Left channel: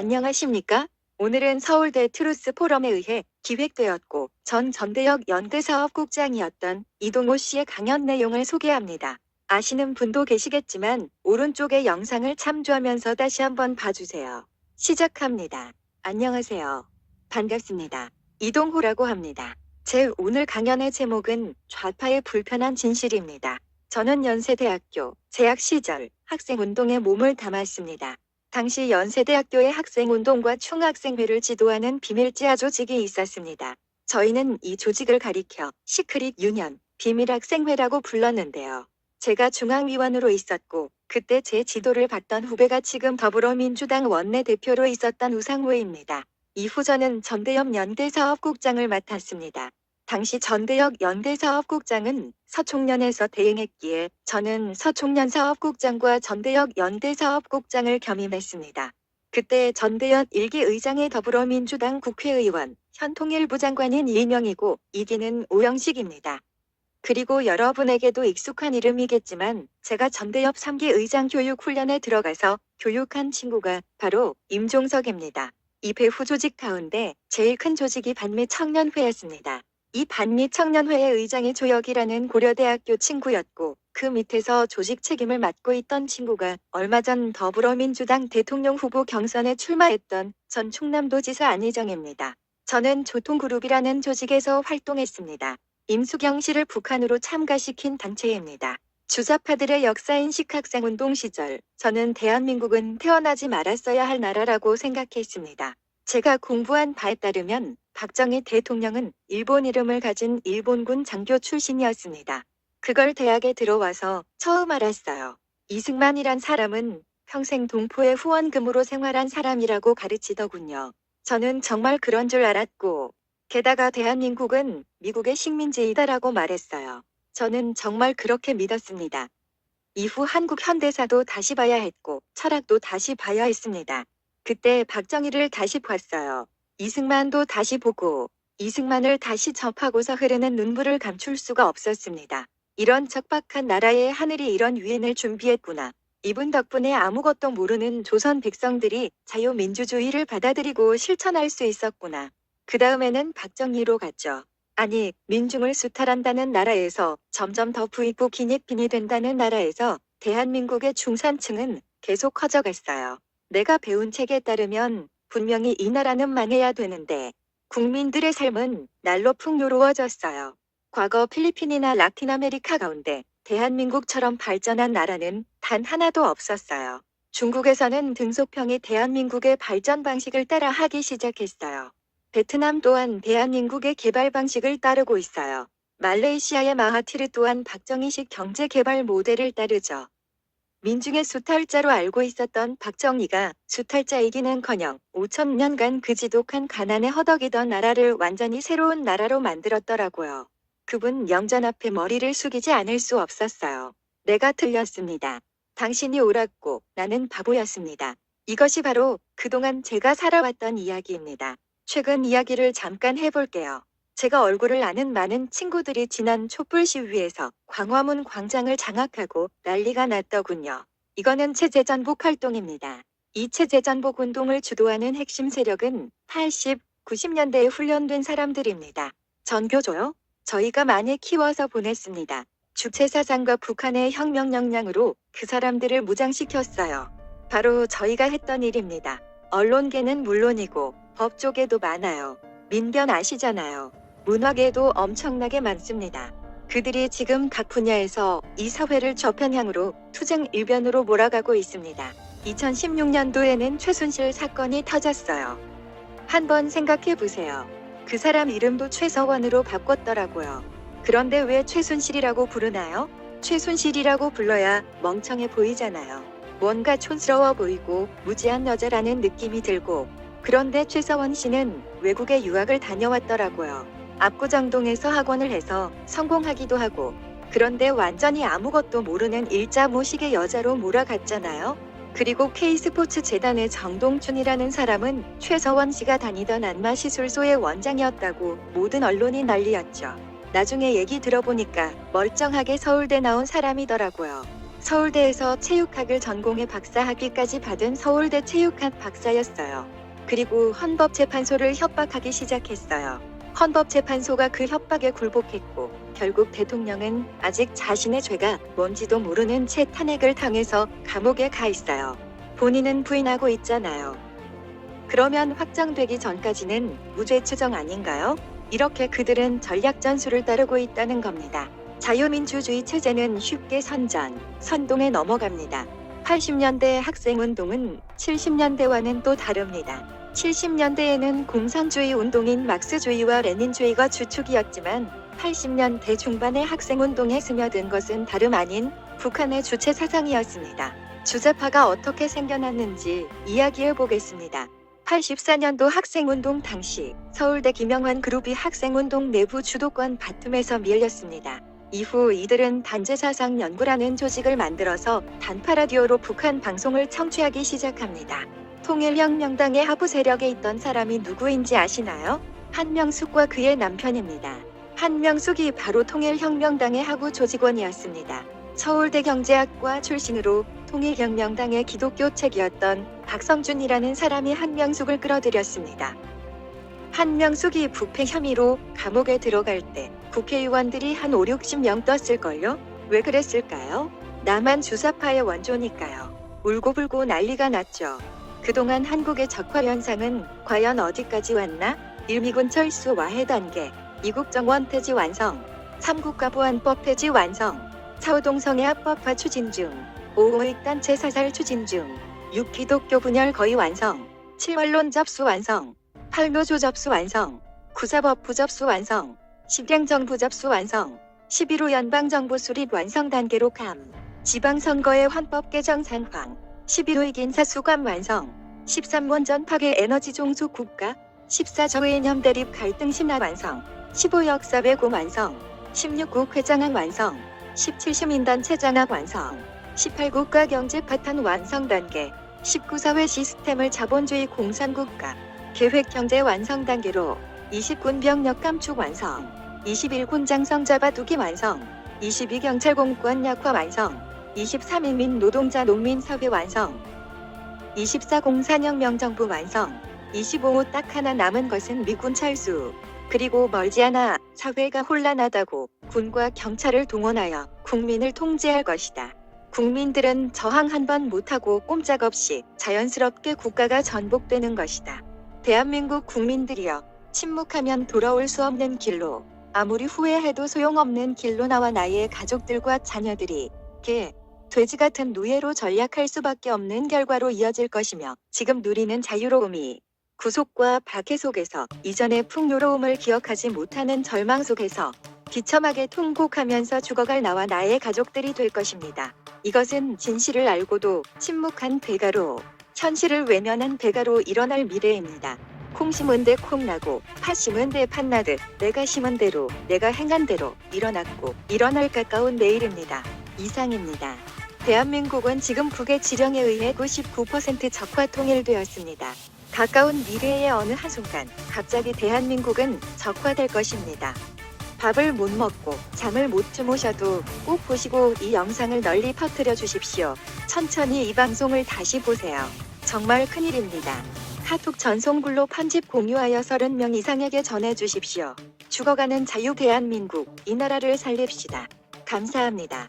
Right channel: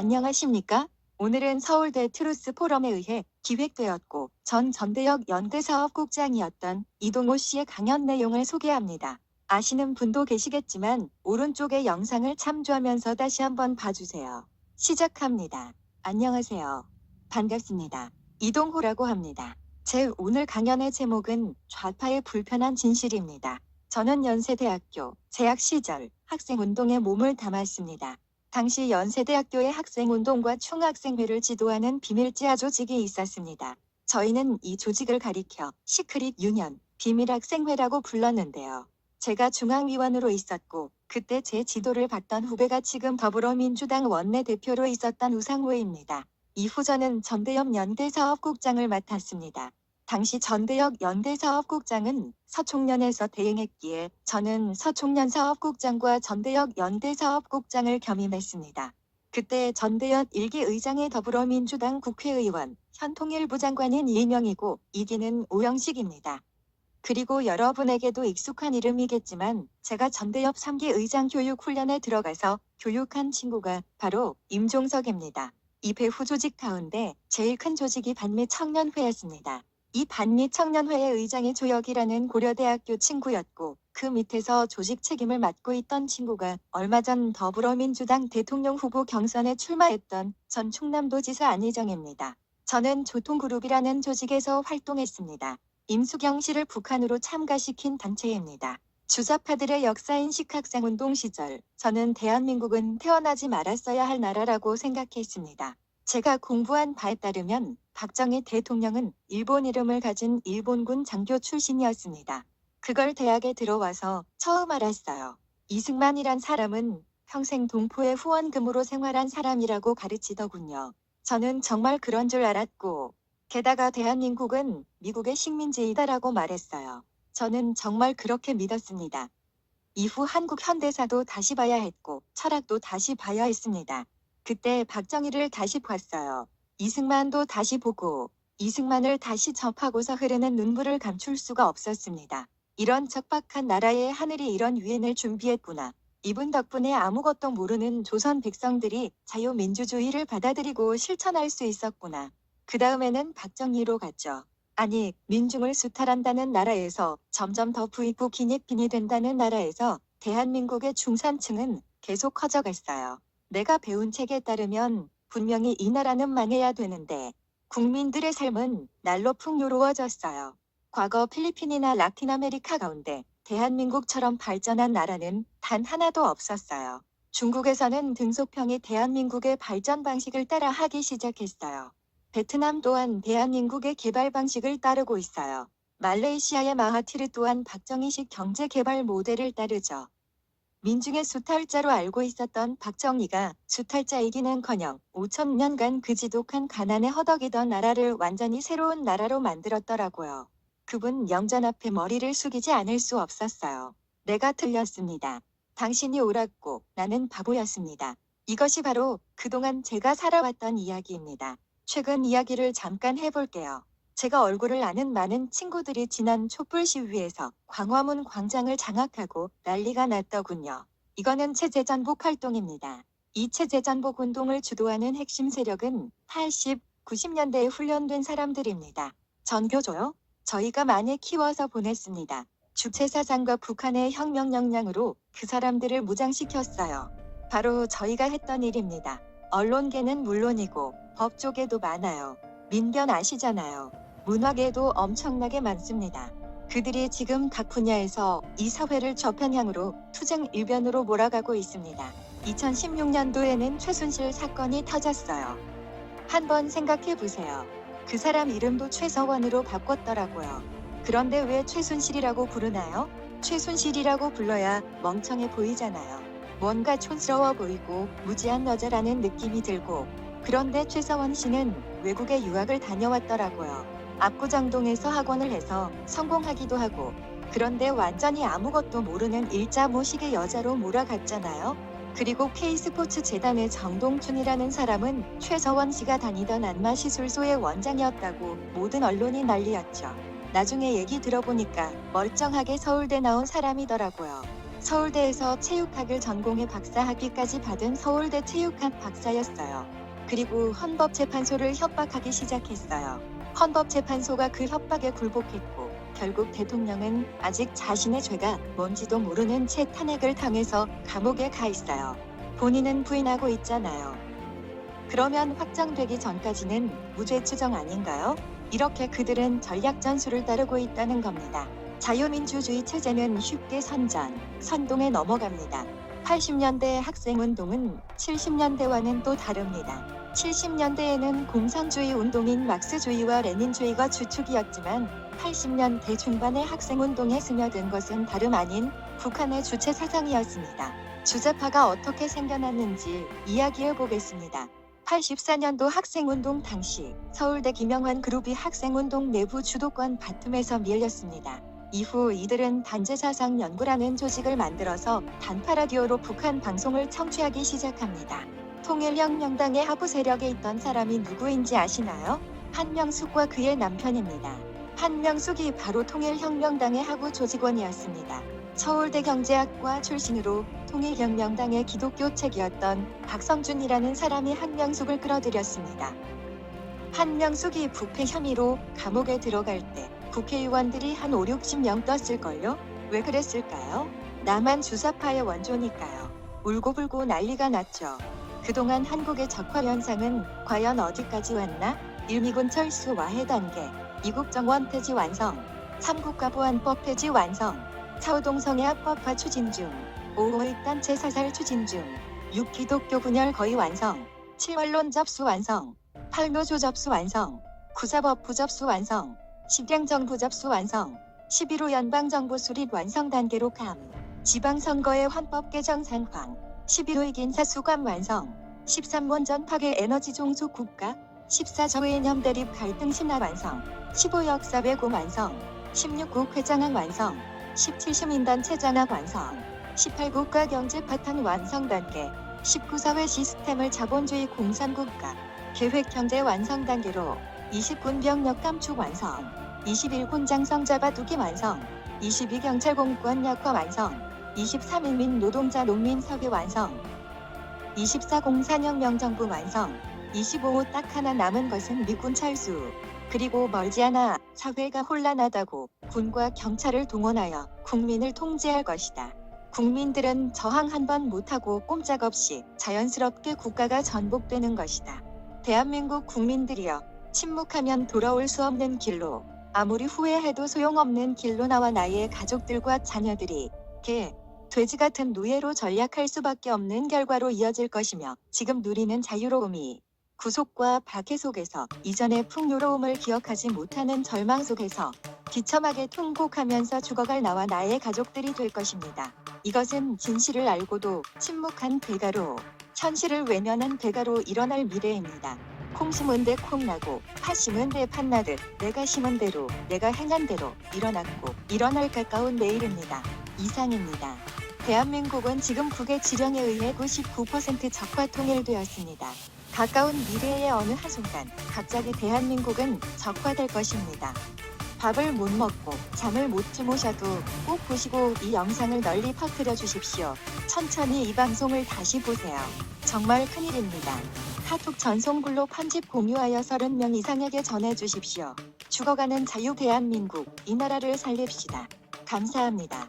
안녕하십니까? 오늘은 서울대 트루스 포럼에 의해 기획되었고 전 전대역 연대사업국장이었던 이동호 씨의 강연 내용을 소개합니다. 아시는 분도 계시겠지만 오른쪽의 영상을 참조하면서 다시 한번 봐주세요. 시작합니다. 안녕하세요. 반갑습니다. 이동호라고 합니다. 제 오늘 강연의 제목은 좌파의 불편한 진실입니다. 저는 연세대학교 재학 시절 학생운동에 몸을 담았습니다. 당시 연세대학교의 학생운동과 총학생회를 지도하는 비밀지하 조직이 있었습니다. 저희는 이 조직을 가리켜 시크릿 유년, 비밀학생회라고 불렀는데요. 제가 중앙위원으로 있었고 그때 제 지도를 받던 후배가 지금 더불어민주당 원내대표로 있었던 우상호입니다. 이후 저는 전대협 연대사업국장을 맡았습니다. 당시 전대역 연대사업국장은 서총련에서 대행했기에 저는 서총련 사업국장과 전대역 연대사업국장을 겸임했습니다. 그때 전대역 1기 의장의 더불어민주당 국회의원, 현 통일부 장관인 이인영이고 2기는 오영식입니다. 그리고 여러분에게도 익숙한 이름이겠지만 제가 전대협 3기 의장 교육훈련에 들어가서 교육한 친구가 바로 임종석입니다. 이 배후 조직 가운데 제일 큰 조직이 반미 청년회였습니다. 이 반미 청년회의 의장이 조혁이라는 고려대학교 친구였고 그 밑에서 조직 책임을 맡고 있던 친구가 얼마 전 더불어민주당 대통령 후보 경선에 출마했던 전 충남도지사 안희정입니다. 저는 조통그룹이라는 조직에서 활동했습니다. 임수경 씨를 북한으로 참가시킨 단체입니다. 주사파들의 역사인식 학생운동 시절 저는 대한민국은 태어나지 말았어야 할 나라라고 생각했습니다. 제가 공부한 바에 따르면 박정희 대통령은 일본 이름을 가진 일본군 장교 출신이었습니다. 그걸 대학에 들어와서 처음 알았어요. 이승만이란 사람은 평생 동포의 후원금으로 생활한 사람이라고 가르치더군요. 저는 정말 그런 줄 알았고 게다가 대한민국은 미국의 식민지이다라고 말했어요. 저는 정말 그렇게 믿었습니다. 이후 한국 현대사도 다시 봐야 했고 철학도 다시 봐야 했습니다. 그때 박정희를 다시 봤어요. 이승만도 다시 보고 이승만을 다시 접하고서 흐르는 눈물을 감출 수가 없었습니다. 이런 척박한 나라에 하늘이 이런 위인을 준비했구나. 이분 덕분에 아무것도 모르는 조선 백성들이 자유민주주의를 받아들이고 실천할 수 있었구나. 그 다음에는 박정희로 갔죠. 아니, 민중을 수탈한다는 나라에서 점점 더 부익부 기니핀이 된다는 나라에서 대한민국의 중산층은 계속 커져갔어요. 내가 배운 책에 따르면 분명히 이 나라는 망해야 되는데 국민들의 삶은 날로 풍요로워졌어요. 과거 필리핀이나 라틴 아메리카 가운데 대한민국처럼 발전한 나라는 단 하나도 없었어요. 중국에서는 등소평이 대한민국의 발전 방식을 따라 하기 시작했어요. 베트남 또한 대한민국의 개발 방식을 따르고 있어요. 말레이시아의 마하티르 또한 박정희식 경제 개발 모델을 따르죠. 민중의 수탈자로 알고 있었던 박정희가 수탈자이기는커녕 5,000년간 그 지독한 가난에 허덕이던 나라를 완전히 새로운 나라로 만들었더라고요. 그분 영전 앞에 머리를 숙이지 않을 수 없었어요. 내가 틀렸습니다. 당신이 옳았고 나는 바보였습니다. 이것이 바로 그동안 제가 살아왔던 이야기입니다. 최근 이야기를 잠깐 해볼게요. 제가 얼굴을 아는 많은 친구들이 지난 촛불 시위에서 광화문 광장을 장악하고 난리가 났더군요. 이거는 체제전복 활동입니다. 이 체제전복 운동을 주도하는 핵심 세력은 80, 90년대에 훈련된 사람들입니다. 전교조요? 저희가 많이 키워서 보냈습니다. 주체사상과 북한의 혁명 역량으로 그 사람들을 무장시켰어요. 바로 저희가 했던 일입니다. 언론계는 물론이고 법조계도 많아요. 민변 아시잖아요. 문화계도 엄청나게 많습니다. 그들이 지금 각 분야에서 이 사회를 저편향으로 투쟁 일변으로 몰아가고 있습니다. 2016년도에는 최순실 사건이 터졌어요. 한번 생각해 보세요. 그 사람 이름도 최서원으로 바꿨더라고요. 그런데 왜 최순실이라고 부르나요? 최순실이라고 불러야 멍청해 보이잖아요. 뭔가 촌스러워 보이고 무지한 여자라는 느낌이 들고. 그런데 최서원 씨는 외국에 유학을 다녀왔더라고요. 압구정동에서 학원을 해서 성공하기도 하고. 그런데 완전히 아무것도 모르는 일자무식의 여자로 몰아갔잖아요. 그리고 K스포츠 재단의 정동춘이라는 사람은 최서원 씨가 다니던 안마시술소의 원장이었다고 모든 언론이 난리였죠. 나중에 얘기 들어보니까 멀쩡하게 서울대 나온 사람이더라고요. 서울대에서 체육학을 전공해 박사학위까지 받은 서울대 체육학 박사였어요. 그리고 헌법재판소를 협박하기 시작했어요. 헌법재판소가 그 협박에 굴복했고 결국 대통령은 아직 자신의 죄가 뭔지도 모르는 채 탄핵을 당해서 감옥에 가 있어요. 본인은 부인하고 있잖아요. 그러면 확정되기 전까지는 무죄 추정 아닌가요? 이렇게 그들은 전략 전술을 따르고 있다는 겁니다. 자유민주주의 체제는 쉽게 선동에 넘어갑니다. 80년대 학생운동은 70년대와는 또 다릅니다. 70년대에는 공산주의 운동인 막스주의와 레닌주의가 주축이었지만 80년대 중반의 학생운동에 스며든 것은 다름 아닌 북한의 주체 사상이었습니다. 주자파가 어떻게 생겨났는지 이야기해 보겠습니다. 84년도 학생운동 당시 서울대 김영환 그룹이 학생운동 내부 주도권 다툼에서 밀렸습니다. 이후 이들은 단체사상연구라는 조직을 만들어서 단파라디오로 북한 방송을 청취하기 시작합니다. 통일혁명당의 하부 세력에 있던 사람이 누구인지 아시나요? 한명숙과 그의 남편입니다. 한명숙이 바로 통일혁명당의 하부 조직원이었습니다. 서울대 경제학과 출신으로 통일혁명당의 기독교 책이었던 박성준이라는 사람이 한명숙을 끌어들였습니다. 한명숙이 부패 혐의로 감옥에 들어갈 때 국회의원들이 한 5, 60명 떴을걸요? 왜 그랬을까요? 남한 주사파의 원조니까요. 울고불고 난리가 났죠. 그동안 한국의 적화 현상은 과연 어디까지 왔나? 1미군 철수 와해 단계, 이국 정원 폐지 완성, 3국가 보안법 폐지 완성, 4호 동성애 합법화 추진 중, 5의 단체 사살 추진 중, 6 기독교 분열 거의 완성, 7 언론 접수 완성, 8 노조 접수 완성, 9 사법부 접수 완성, 10 행정부 접수 완성, 11호 연방정부 수립 완성 단계로 감, 지방선거의 헌법 개정 산황, 11호 인사 수감 완성, 13 원전 파괴 에너지 종속 국가, 14 저해념 대립 갈등 심화 완성, 15 역사 왜곡 완성, 16 국회장악 완성, 17 시민단체 장악 완성, 18 국가 경제 파탄 완성 단계, 19 사회 시스템을 자본주의 공산국가, 계획 경제 완성 단계로, 20 군병력 감축 완성, 21 군장성 잡아두기 완성, 22 경찰 공권 약화 완성, 23 인민 노동자 농민 사회 완성, 24 공산혁명 정부 완성, 25 딱 하나 남은 것은 미군 철수. 그리고 멀지 않아 사회가 혼란하다고 군과 경찰을 동원하여 국민을 통제할 것이다. 국민들은 저항 한 번 못하고 꼼짝없이 자연스럽게 국가가 전복되는 것이다. 대한민국 국민들이여, 침묵하면 돌아올 수 없는 길로, 아무리 후회해도 소용없는 길로 나와 나의 가족들과 자녀들이 개, 돼지 같은 노예로 전락할 수밖에 없는 결과로 이어질 것이며, 지금 누리는 자유로움이 구속과 박해 속에서 이전의 풍요로움을 기억하지 못하는 절망 속에서 비참하게 통곡하면서 죽어갈 나와 나의 가족들이 될 것입니다. 이것은 진실을 알고도 침묵한 배가로, 현실을 외면한 배가로 일어날 미래입니다. 콩 심은 데 콩 나고 팥 심은 데 팥 나듯 내가 심은 대로 내가 행한 대로 일어났고 일어날 가까운 내일입니다. 이상입니다. 대한민국은 지금 북의 지령에 의해 99% 적화 통일되었습니다. 가까운 미래의 어느 한순간 갑자기 대한민국은 적화될 것입니다. 밥을 못 먹고 잠을 못 주무셔도 꼭 보시고 이 영상을 널리 퍼뜨려 주십시오. 천천히 이 방송을 다시 보세요. 정말 큰일입니다. 카톡 전송글로 편집 공유하여 30명 이상에게 전해주십시오. 죽어가는 자유 대한민국, 이 나라를 살립시다. 감사합니다.